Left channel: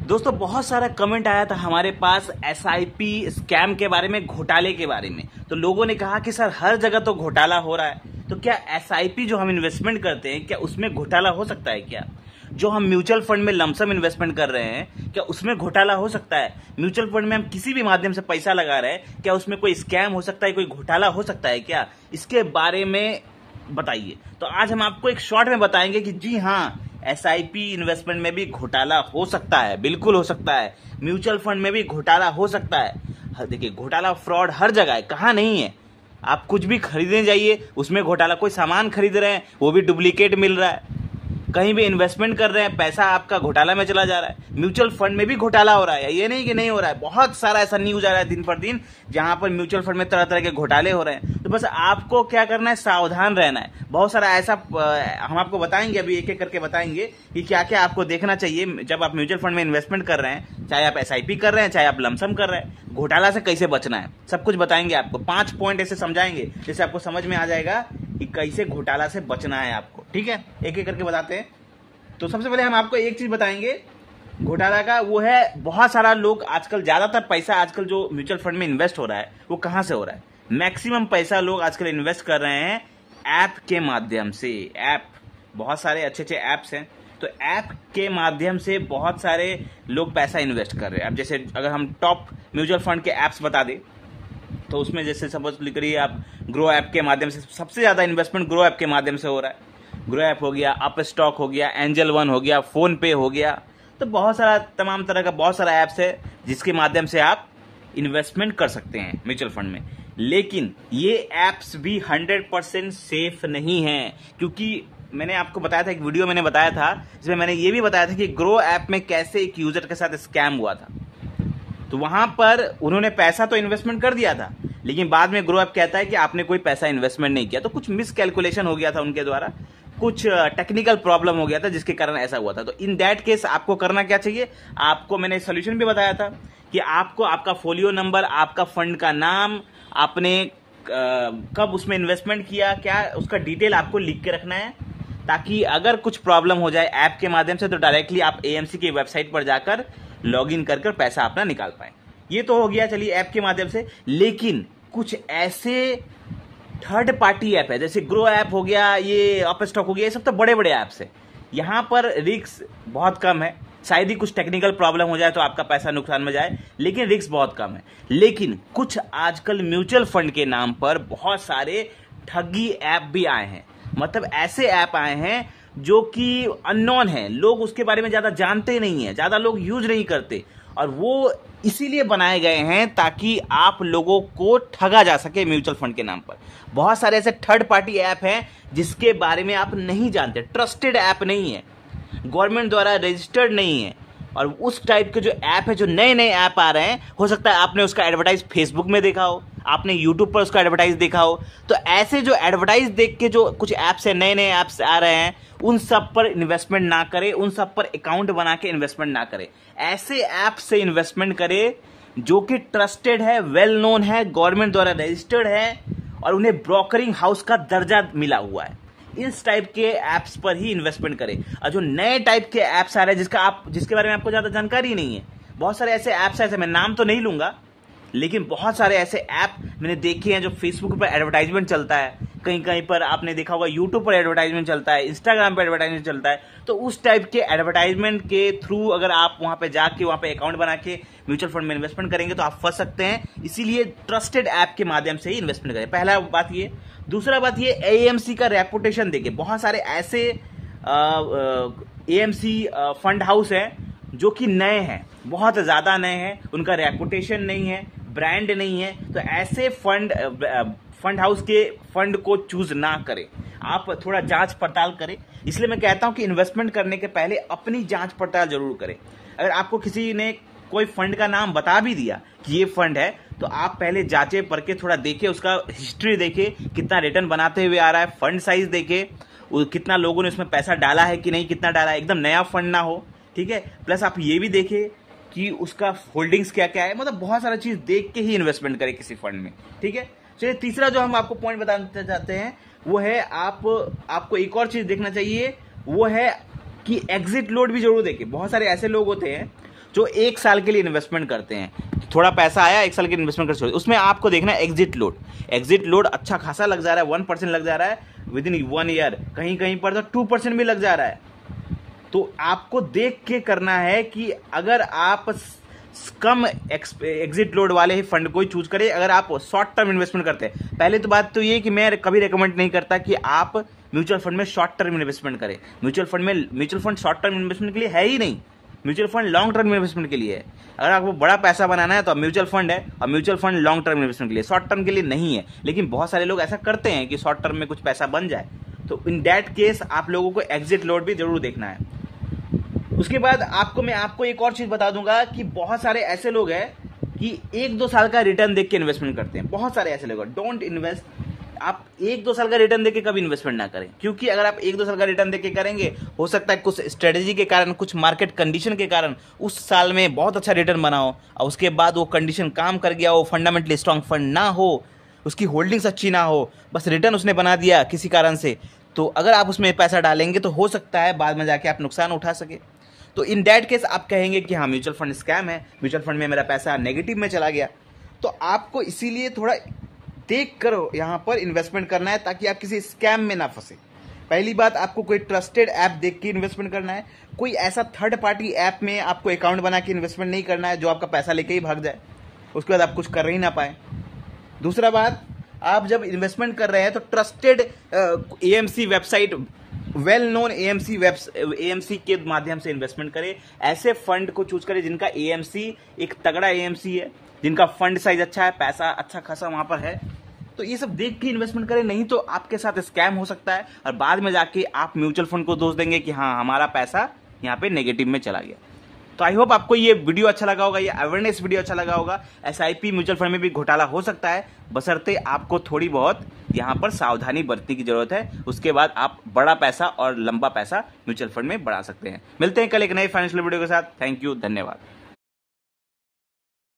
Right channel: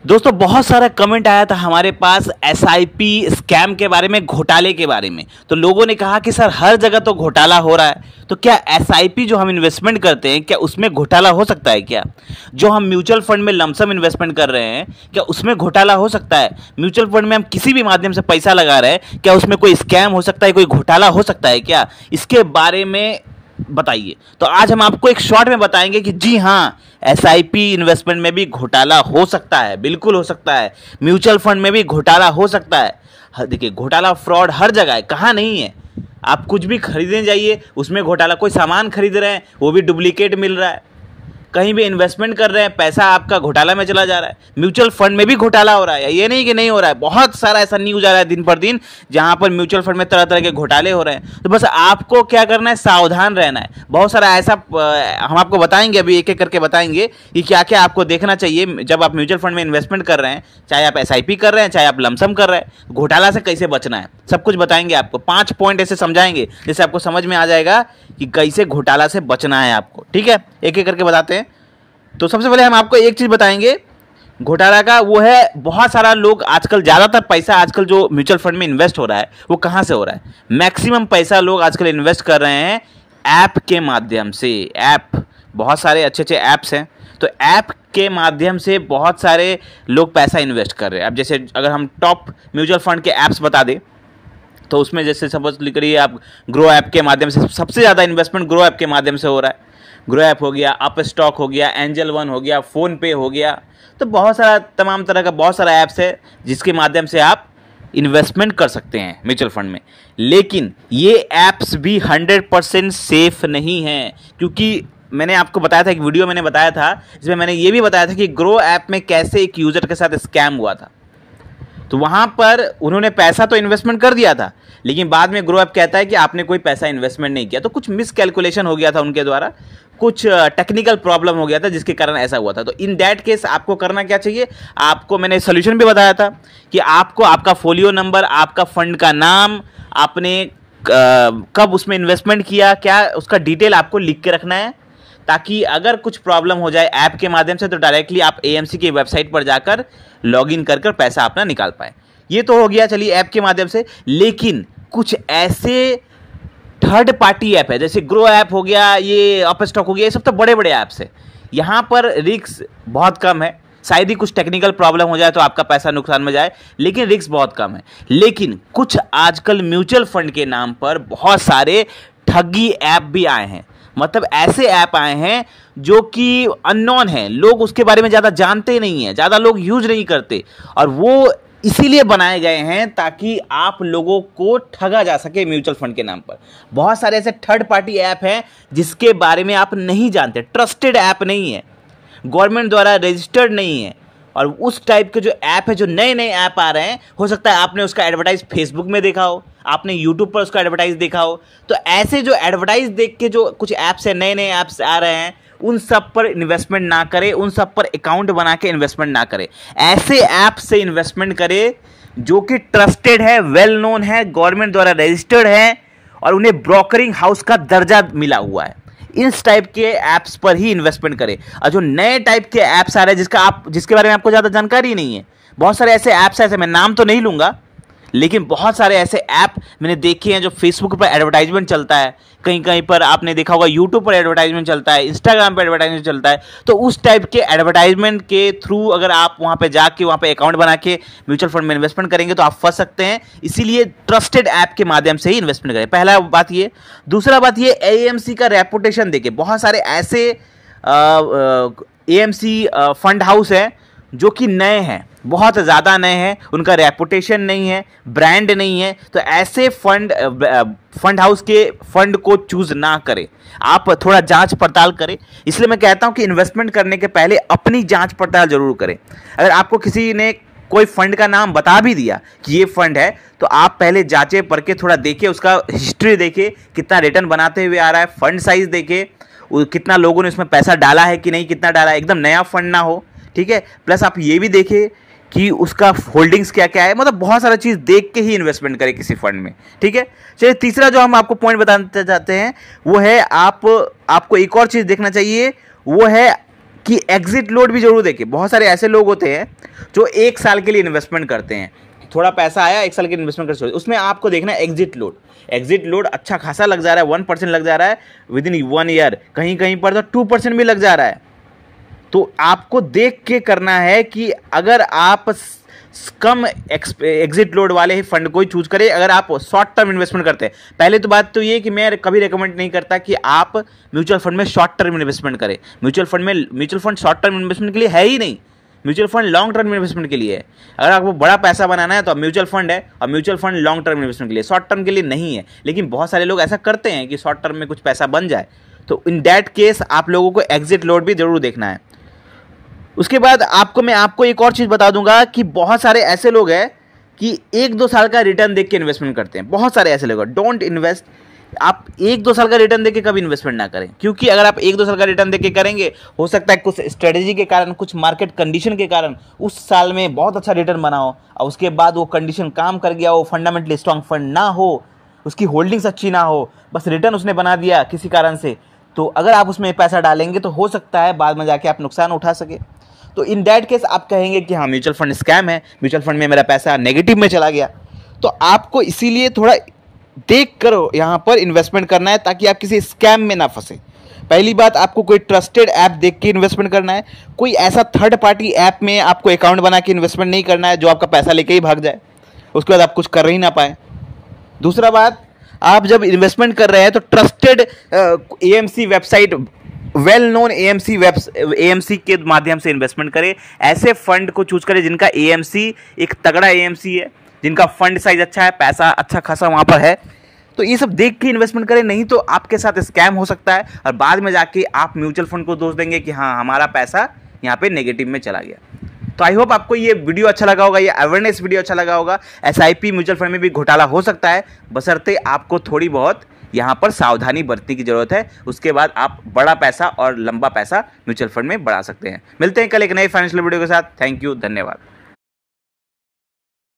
दोस्तों बहुत सारा कमेंट आया था हमारे पास एसआईपी स्कैम के बारे में, घोटाले के बारे में। तो लोगों ने कहा कि सर हर जगह तो घोटाला हो रहा है, तो क्या एसआईपी जो हम इन्वेस्टमेंट करते हैं क्या उसमें घोटाला हो सकता है क्या? जो हम म्यूचुअल फंड में लमसम इन्वेस्टमेंट कर रहे हैं क्या उसमें घोटाला हो सकता है? म्यूचुअल फंड में हम किसी भी माध्यम से पैसा लगा रहे हैं, क्या उसमें कोई स्कैम हो सकता है, कोई घोटाला हो सकता है क्या? इसके बारे में बताइए। तो आज हम आपको एक शॉर्ट में बताएंगे कि जी हाँ, एसआईपी इन्वेस्टमेंट में भी घोटाला हो सकता है, बिल्कुल हो सकता है। म्यूचुअल फंड में भी घोटाला हो सकता है। देखिए, घोटाला फ्रॉड हर जगह है, कहाँ नहीं है। आप कुछ भी खरीदने जाइए उसमें घोटाला, कोई सामान खरीद रहे हैं वो भी डुप्लीकेट मिल रहा है, कहीं भी इन्वेस्टमेंट कर रहे हैं पैसा आपका घोटाला में चला जा रहा है। म्यूचुअल फंड में भी घोटाला हो रहा है, ये नहीं कि नहीं हो रहा है। बहुत सारा ऐसा न्यूज आ रहा है दिन पर दिन जहां पर म्यूचुअल फंड में तरह तरह के घोटाले हो रहे हैं। तो बस आपको क्या करना है, सावधान रहना है। बहुत सारा ऐसा हम आपको बताएंगे, अभी एक एक करके बताएंगे कि क्या क्या आपको देखना चाहिए जब आप म्यूचुअल फंड में इन्वेस्टमेंट कर रहे हैं, चाहे आप एसआईपी कर रहे हैं चाहे आप लमसम कर रहे हैं। घोटाला से कैसे बचना है सब कुछ बताएंगे आपको। 5 पॉइंट ऐसे समझाएंगे जिससे आपको समझ में आ जाएगा कि कैसे घोटाला से बचना है आपको। ठीक है, एक एक करके बताते हैं। तो सबसे पहले हम आपको एक चीज बताएंगे घोटाला का, वो है बहुत सारा लोग आजकल, ज्यादातर पैसा आजकल जो म्यूचुअल फंड में इन्वेस्ट हो रहा है वो कहां से हो रहा है? मैक्सिमम पैसा लोग आजकल इन्वेस्ट कर रहे हैं ऐप के माध्यम से। ऐप, बहुत सारे अच्छे अच्छे ऐप्स हैं, तो ऐप के माध्यम से बहुत सारे लोग पैसा इन्वेस्ट कर रहे हैं। अब जैसे अगर हम टॉप म्यूचुअल फंड के ऐप्स बता दें तो उसमें जैसे सपोज लिख रही है आप, ग्रो ऐप के माध्यम से सबसे ज़्यादा इन्वेस्टमेंट ग्रो ऐप के माध्यम से हो रहा है। ग्रो ऐप हो गया, अप स्टॉक हो गया, एंजल वन हो गया, फोन पे हो गया। तो बहुत सारा, तमाम तरह का बहुत सारा ऐप्स है जिसके माध्यम से आप इन्वेस्टमेंट कर सकते हैं म्यूचुअल फंड में। लेकिन ये ऐप्स भी 100% सेफ नहीं हैं, क्योंकि मैंने आपको बताया था, एक वीडियो मैंने बताया था जिसमें मैंने ये भी बताया था कि ग्रो ऐप में कैसे एक यूजर के साथ स्कैम हुआ था। तो वहां पर उन्होंने पैसा तो इन्वेस्टमेंट कर दिया था, लेकिन बाद में ग्रो ऐप कहता है कि आपने कोई पैसा इन्वेस्टमेंट नहीं किया। तो कुछ मिसकैलकुलेशन हो गया था उनके द्वारा, कुछ टेक्निकल प्रॉब्लम हो गया था जिसके कारण ऐसा हुआ था। तो इन दैट केस आपको करना क्या चाहिए, आपको मैंने सोल्यूशन भी बताया था कि आपको आपका फोलियो नंबर, आपका फंड का नाम, आपने कब उसमें इन्वेस्टमेंट किया, क्या उसका डिटेल आपको लिख के रखना है, ताकि अगर कुछ प्रॉब्लम हो जाए ऐप के माध्यम से तो डायरेक्टली आप एएमसी की वेबसाइट पर जाकर लॉगिन कर पैसा अपना निकाल पाए। ये तो हो गया चलिए ऐप के माध्यम से। लेकिन कुछ ऐसे थर्ड पार्टी ऐप है, जैसे ग्रो ऐप हो गया, ये अप स्टॉक हो गया, ये सब तो बड़े बड़े ऐप्स है। यहाँ पर रिस्क बहुत कम है, शायद ही कुछ टेक्निकल प्रॉब्लम हो जाए तो आपका पैसा नुकसान में जाए, लेकिन रिस्क बहुत कम है। लेकिन कुछ आजकल म्यूचुअल फंड के नाम पर बहुत सारे ठगी ऐप भी आए हैं। मतलब ऐसे ऐप आए हैं जो कि अननोन है, लोग उसके बारे में ज़्यादा जानते नहीं हैं, ज़्यादा लोग यूज नहीं करते, और वो इसीलिए बनाए गए हैं ताकि आप लोगों को ठगा जा सके म्यूचुअल फंड के नाम पर। बहुत सारे ऐसे थर्ड पार्टी ऐप हैं जिसके बारे में आप नहीं जानते, ट्रस्टेड ऐप नहीं है, गवर्नमेंट द्वारा रजिस्टर्ड नहीं है। और उस टाइप के जो ऐप है, जो नए नए ऐप आ रहे हैं, हो सकता है आपने उसका एडवर्टाइज फेसबुक में देखा हो, आपने यूट्यूब पर उसका एडवर्टाइज देखा हो। तो ऐसे जो एडवर्टाइज देख के जो कुछ ऐप्स है, नए नए ऐप्स आ रहे हैं, उन सब पर इन्वेस्टमेंट ना करें, उन सब पर अकाउंट बना के इन्वेस्टमेंट ना करें। ऐसे ऐप से इन्वेस्टमेंट करें जो कि ट्रस्टेड है, वेल नोन है, गवर्नमेंट द्वारा रजिस्टर्ड है और उन्हें ब्रोकरिंग हाउस का दर्जा मिला हुआ है। इस टाइप के ऐप्स पर ही इन्वेस्टमेंट करें। और जो नए टाइप के ऐप्स आ रहे हैं जिसके बारे में आपको ज़्यादा जानकारी नहीं है, बहुत सारे ऐसे ऐप्स ऐसे, मैं नाम तो नहीं लूँगा, लेकिन बहुत सारे ऐसे ऐप मैंने देखे हैं जो फेसबुक पर एडवर्टाइजमेंट चलता है, कहीं कहीं पर आपने देखा होगा यूट्यूब पर एडवर्टाइजमेंट चलता है, इंस्टाग्राम पर एडवर्टाइजमेंट चलता है। तो उस टाइप के एडवर्टाइजमेंट के थ्रू अगर आप वहाँ पे जाके वहाँ पे अकाउंट बना के म्यूचुअल फंड में इन्वेस्टमेंट करेंगे तो आप फंस सकते हैं। इसीलिए ट्रस्टेड ऐप के माध्यम से ही इन्वेस्टमेंट करें, पहला बात ये। दूसरा बात ये, एएमसी का रेपुटेशन देके, बहुत सारे ऐसे एएमसी फंड हाउस है जो कि नए हैं, बहुत ज़्यादा नए हैं, उनका रेपुटेशन नहीं है, ब्रांड नहीं है। तो ऐसे फंड हाउस के फंड को चूज ना करें, आप थोड़ा जांच पड़ताल करें। इसलिए मैं कहता हूं कि इन्वेस्टमेंट करने के पहले अपनी जांच पड़ताल जरूर करें। अगर आपको किसी ने कोई फंड का नाम बता भी दिया कि ये फंड है, तो आप पहले जांचे परखे, थोड़ा देखें, उसका हिस्ट्री देखें, कितना रिटर्न बनाते हुए आ रहा है, फंड साइज देखें, कितना लोगों ने उसमें पैसा डाला है कि नहीं, कितना डाला है, एकदम नया फंड ना हो। ठीक है, प्लस आप ये भी देखें कि उसका होल्डिंग्स क्या क्या है। मतलब बहुत सारा चीज़ देख के ही इन्वेस्टमेंट करें किसी फंड में। ठीक है, चलिए तीसरा जो हम आपको पॉइंट बताना चाहते हैं वो है, आपको एक और चीज़ देखना चाहिए, वो है कि एग्जिट लोड भी जरूर देखें। बहुत सारे ऐसे लोग होते हैं जो 1 साल के लिए इन्वेस्टमेंट करते हैं, थोड़ा पैसा आया 1 साल के इन्वेस्टमेंट कर छोड़, उसमें आपको देखना है एग्जिट लोड अच्छा खासा लग जा रहा है, 1% लग जा रहा है विद इन 1 ईयर, कहीं कहीं पर तो 2% भी लग जा रहा है। तो आपको देख के करना है कि अगर आप कम एग्जिट लोड वाले ही फंड को ही चूज करें। अगर आप शॉर्ट टर्म इन्वेस्टमेंट करते हैं, पहले तो बात तो ये कि मैं कभी रेकमेंड नहीं करता कि आप म्यूचुअल फंड में शॉर्ट टर्म इन्वेस्टमेंट करें। Mutual fund short term investment के लिए है ही नहीं, mutual fund long term investment के लिए है। अगर आपको बड़ा पैसा बनाना है तो म्यूचुअल फंड है, और mutual fund long term investment के लिए, शॉर्ट टर्म के लिए नहीं है। लेकिन बहुत सारे लोग ऐसा करते हैं कि शॉर्ट टर्म में कुछ पैसा बन जाए, तो इन दैट केस आप लोगों को एग्जिट लोड भी जरूर देखना है। उसके बाद मैं आपको एक और चीज़ बता दूंगा कि बहुत सारे ऐसे लोग हैं कि 1-2 साल का रिटर्न देख के इन्वेस्टमेंट करते हैं। बहुत सारे ऐसे लोग हैं, डोंट इन्वेस्ट। आप 1-2 साल का रिटर्न देख के कभी इन्वेस्टमेंट ना करें, क्योंकि अगर आप 1-2 साल का रिटर्न देख के करेंगे, हो सकता है कुछ स्ट्रेटेजी के कारण, कुछ मार्केट कंडीशन के कारण उस साल में बहुत अच्छा रिटर्न बना हो, और उसके बाद वो कंडीशन काम कर गया हो, फंडामेंटली स्ट्रांग फंड ना हो, उसकी होल्डिंग्स अच्छी ना हो, बस रिटर्न उसने बना दिया किसी कारण से, तो अगर आप उसमें पैसा डालेंगे तो हो सकता है बाद में जाके आप नुकसान उठा सके। तो इन दैट केस आप कहेंगे कि हाँ म्यूचुअल फंड स्कैम है, म्यूचुअल फंड में मेरा पैसा नेगेटिव में चला गया। तो आपको इसीलिए थोड़ा देख कर यहाँ पर इन्वेस्टमेंट करना है, ताकि आप किसी स्कैम में ना फंसे। पहली बात, आपको कोई ट्रस्टेड ऐप देख के इन्वेस्टमेंट करना है। कोई ऐसा थर्ड पार्टी ऐप में आपको अकाउंट बना के इन्वेस्टमेंट नहीं करना है जो आपका पैसा लेके ही भाग जाए, उसके बाद आप कुछ कर ही ना पाए। दूसरा बात, आप जब इन्वेस्टमेंट कर रहे हैं तो trusted AMC website, well known AMC के माध्यम से इन्वेस्टमेंट करें। ऐसे फंड को चूज करें जिनका एएमसी एक तगड़ा एएमसी है, जिनका फंड साइज अच्छा है, पैसा अच्छा खासा वहां पर है। तो ये सब देख के इन्वेस्टमेंट करें, नहीं तो आपके साथ स्कैम हो सकता है और बाद में जाके आप म्यूचुअल फंड को दोष देंगे कि हाँ हमारा पैसा यहाँ पे नेगेटिव में चला गया। तो आई होप आपको ये वीडियो अच्छा लगा होगा, ये अवेयरनेस वीडियो अच्छा लगा होगा। एसआईपी म्यूचुअल फंड में भी घोटाला हो सकता है, बशर्ते आपको थोड़ी बहुत यहाँ पर सावधानी बरतने की जरूरत है। उसके बाद आप बड़ा पैसा और लंबा पैसा म्यूचुअल फंड में बढ़ा सकते हैं। मिलते हैं कल एक नए फाइनेंशियल वीडियो के साथ। थैंक यू, धन्यवाद।